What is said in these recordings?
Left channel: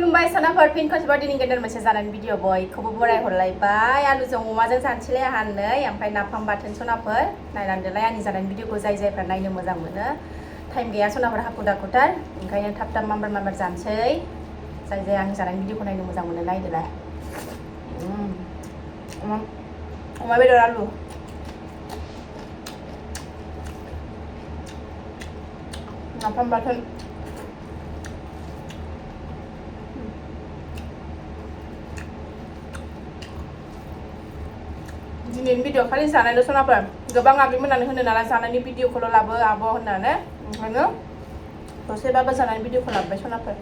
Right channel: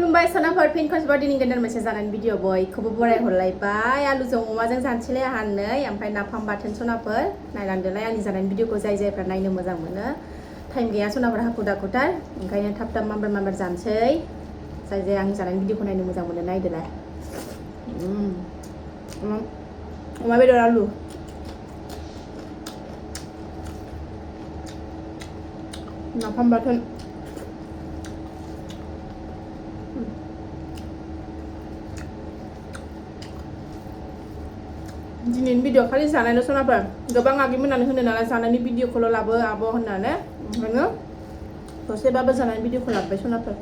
खुलुमबाय सनाफोर फिन खनसेबाव दिनै गोदान मोनसे जानायनि भिडिअ बयखौबो बराय हरलायबाय आलुजों अमाजों जानोसैलाय आहा नै ओमफ्राय नाफाम बाथोन सनाफोर नायलांदोलाय आंनि जानायनि भिडिअखौ जायफ्रा नायनो मोजां मोनो टाइम गैया सनाफोर हाखु दाखुथार ओंखायनो थाब थाब माम्बार जानोसै जाय आंनि जानायनि भिडिअखौ नायनो मोजां मोनो नायदोलाय अमा बेदर आलु नाफाम बाथोन दिनैनि भिडिअ खालि जानायल' सनाफोर गोबां आगैमोनानो होनो नालाय जानायनि भिडिअखौल' लाबो आब' होननानै ओंखायनो दसेबाबो जानायनि भिडिअखौ लाबोबाय सनाफोर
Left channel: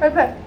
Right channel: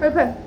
Perfect.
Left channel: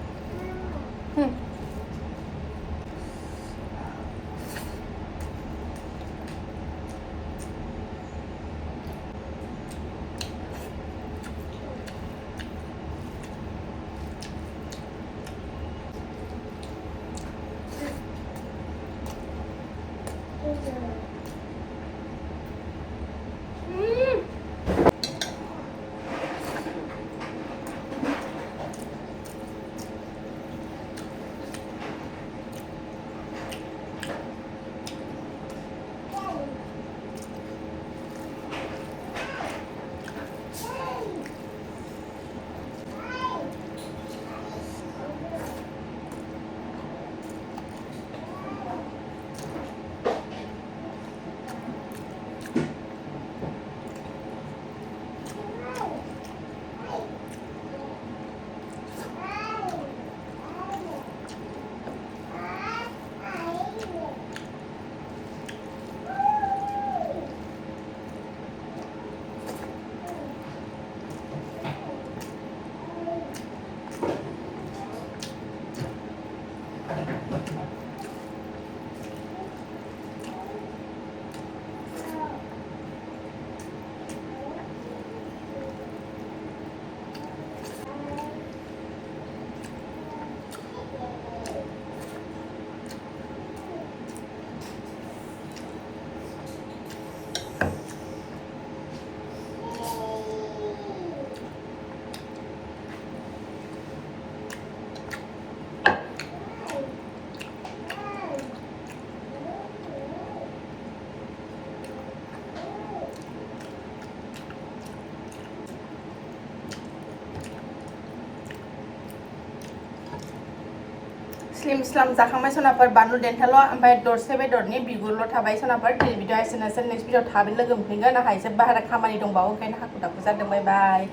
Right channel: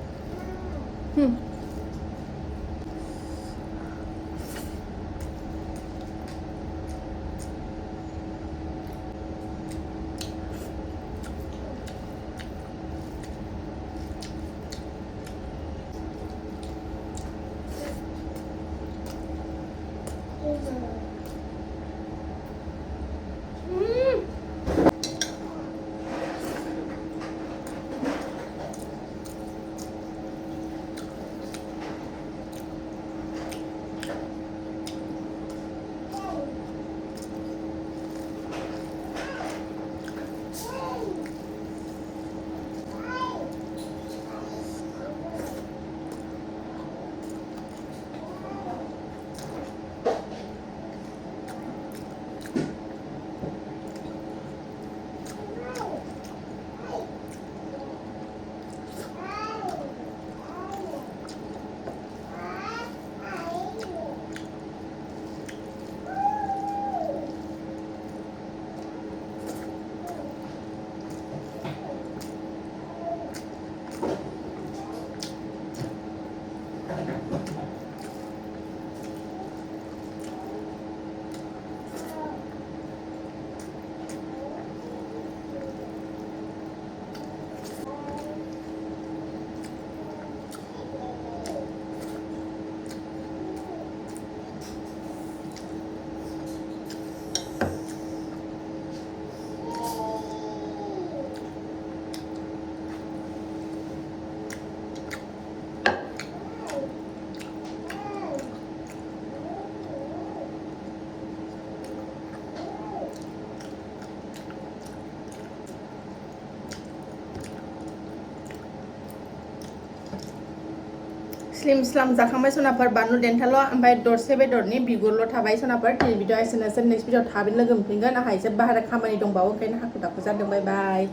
स्लिम स्लाम जाखांबाय सनाफोर बानलु देन्थाल' ओमफ्राय दरसे बेदरनि बिगुरल' थाबाय सनाफोर दिनै भिडिअ एसेनोसै नेक्स्ट भिडिअ थाबैनो लोगो मोनफिनगोन आंहा एसे बाहेरा खामानि दंबावो ओंखायनो हाखु दाखु जादों बाय बाय